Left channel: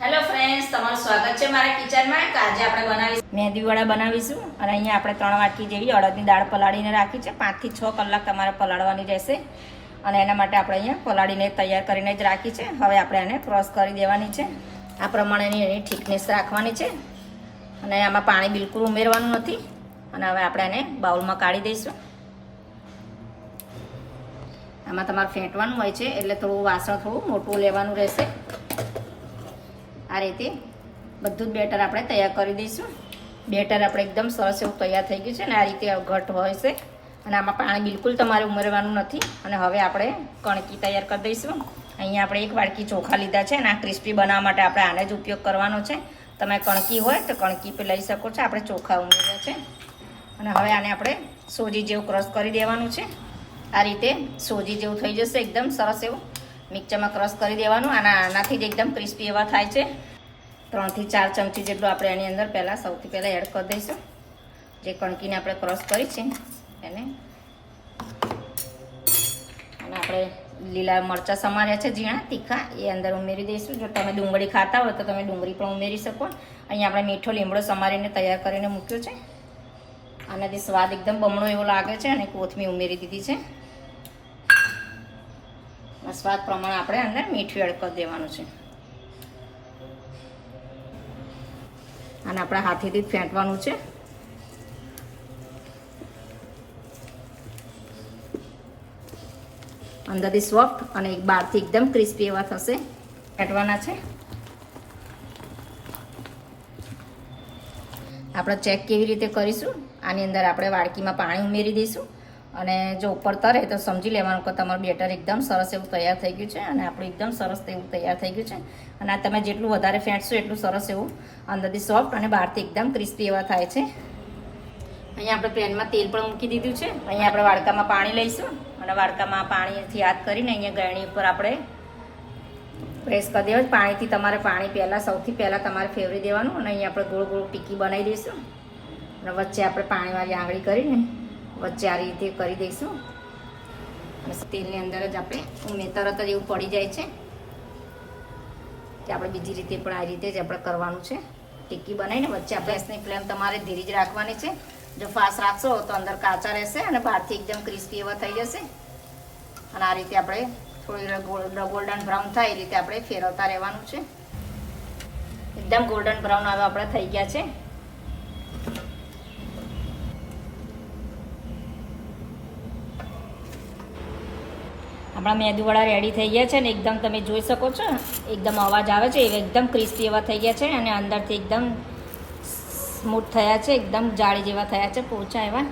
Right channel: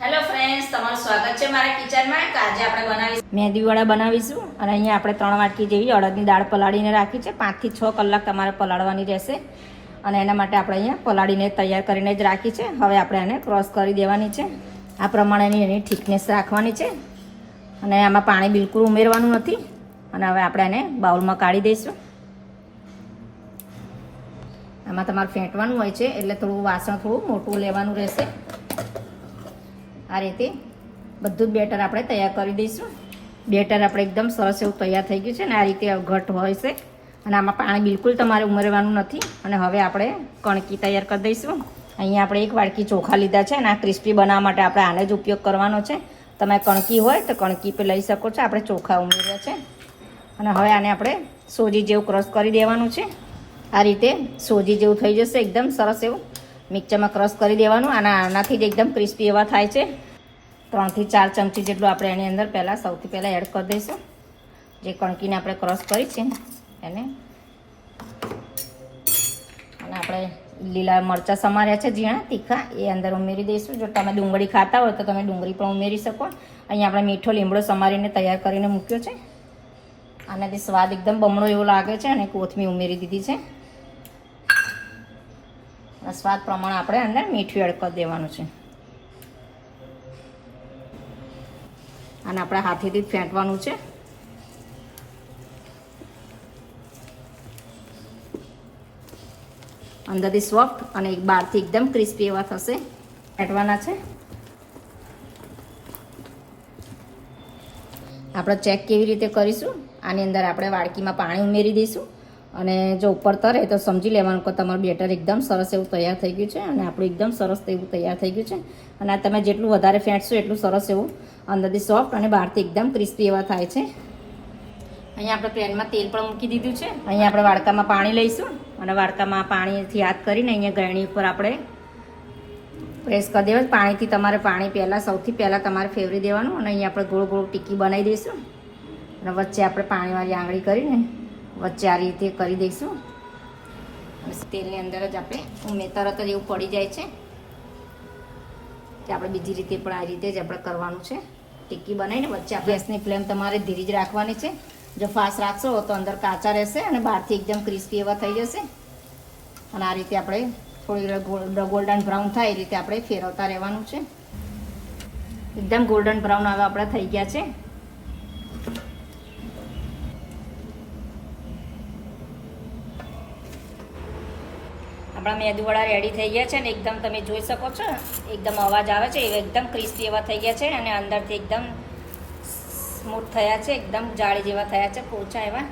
Hello friends તમારું સ્વાગત છે મારા કિચનમાં. તો આજે આપણે બનાવીશું મેંદી વડા બનાવીશું અને અહીંયા આપણે ત્રણ વાટકી જેવી અડદની દાળ પલાળીને રાખી છે. પાંચથી છ કલાક તમારે પલાળવાની રહેશે અને એના માટે આપણે અહીંયા પલાળીને તૈયાર કરીને જ રાખી છે. હવે આપણે એને ક્રોસ કરી દેવાની છે. આ પ્રમાણેની એની થિકનેસ રાખવાની છે અને આમાં પાણી બિલકુલ ઉમેરવાનું નથી અને હવે આપણે એને બાઉલમાં કાઢી દઈશું. આમાં તમારે ફેંટવાનું હોય છે એટલે થોડું વાસણ થોડું મોટું લેવાનું રહેશે. આ રીતે બધું જ બેટર આપણે તૈયાર કરી દઈશું. બેટર આપણે એકદમ સરસ એવું તૈયાર થઈ ગયું છે ને આ રીતે ઘટ હોય છે. અને આમાં પાણી બિલકુલ તમારે ઉમેરવાનું નથી. અને હવે આપણે કણકી તૈયાર કરી દઈશું. અહીંયા આપણે એક વાડકી ચોખા લીધા છે અને આ ક્રિસ્પી બનાવવા માટે આપણે આને જ ઉપયોગ કરવાનો છે. તમે કણકી હોય તો કણકી પર લઈ શકો છો. આપણે ચોખા ઉમેર્યા છે. અને હવે આને આપણે સોજી જેવું ક્રશ કરી દેવાનું છે. આ રીતે સોજી જેવું થઈ જશે. એકદમ સરસ એવું. મિક્સરમાં ક્રશ કરી દેવાનું. અને આનાથી જ એકદમ ક્રિસ્પી એવા થાય છે. ત્રણથી ચાર ચમચી જેટલું આપણે એની અંદર પહેલાં સૌથી પહેલાં એડ કરી દઈશું. જે કણકીને આપણે ક્રશ કરી છે એને. અને આપણે લીલા મરચાં સમાર્યા છે ઝીણા, તીખા, એ અંદર ઉમેરી દઈશું. જો તમે ડુંગળી ખાતા હોય તો તમે ડુંગળી પણ ઉમેરી શકો. અહીંયા આપણે મીઠો લીમડો સમારીને તૈયાર કરીને મૂક્યો છે. આનાથી સ્વાદ એકદમ બમણો એવો લાગે છે અને કોથમીર ઉમેરી દીધી છે. અને સ્વાદ પ્રમાણે આપણે અંદર મીઠું એડ દેવાનું છે. અને આપણે હાથેથી ફેંટવાનું છે. અંદરથી સોફ્ટ અને એક બહારથી એકદમ ક્રિસ્પી એવા થશે. ફેંટવાના છે. આપણે ચેક કેવી રીતે કરીશું? આની અંદર આપણે વાડકીમાં પાણી ઉમેરી દઈશું. અને જો ઉપર તરે તો સમજી લેવાનું કે તમારું બેટર એકદમ સરસ એવું તૈયાર થઈ ગયું છે અને આપણું એકદમ સરસ એવું તૈયાર થઈ ગયું છે. અને આ તમે જેટલું વધારે ફેંટશો એટલું સરસ એવું અંદરથી સોફ્ટ અને બહારથી એકદમ ક્રિસ્પી એવા થાય છે. અહીંયા આપણે પેનમાં તેલ પણ મૂકી દીધું છે. અહીંયા આપણે વાડકામાં પાણી લઈશું. અને વાડકામાં પાણીથી હાથ કરીને અહીંયા ગરણી ઉપર આપણે પ્રેસ કરી દેવાનું. પાણીથી તમારે પાણી પહેલાં સૌથી પહેલાં તમારે ફેરવી દેવાનું. અને અહીંયા આપણે ગોળ ગોળ ટીકી બનાવી દઈશું. અને વચ્ચે આપણે પાણીવાળી આંગળી કરીને વચ્ચે આ રીતે કરી દઈશું. તેલની અંદર જ આપણે ઉમે તરત જ એવું પડી જાય છે કે આપણે બીજી રીતે પણ આ રીતે જ આપણે કરવાનું છે. ટીક્કી બનાવીને વચ્ચે આપણે ગેસની ફ્લેમ તમારે ધીરે જ રાખવાની છે. જો ફાસ્ટ રાખશો તો અંદર કાચા રહેશે અને બહારથી એકદમ ક્રિસ્પી એવા થઈ જશે. અને આ રીતે આપણે થોડી ગોલ્ડન બ્રાઉન થાય એ રીતે આપણે ફેરવતા રહેવાનું છે. એકદમ ગોલ્ડન બ્રાઉન હવે આપણે થઈ ગયા છે. આપણા મેદુવડા રેડી થઈ ગયા છે ને એકદમ તમે જોઈ શકો છો, એકદમ અવાજ આવે છે, એકદમ ક્રિસ્પી એવા થઈ ગયા છે અને અંદરથી એકદમ સ્મૂથ થયા છે, એકદમ જાળી જેવા થયા છે પોચા એવા.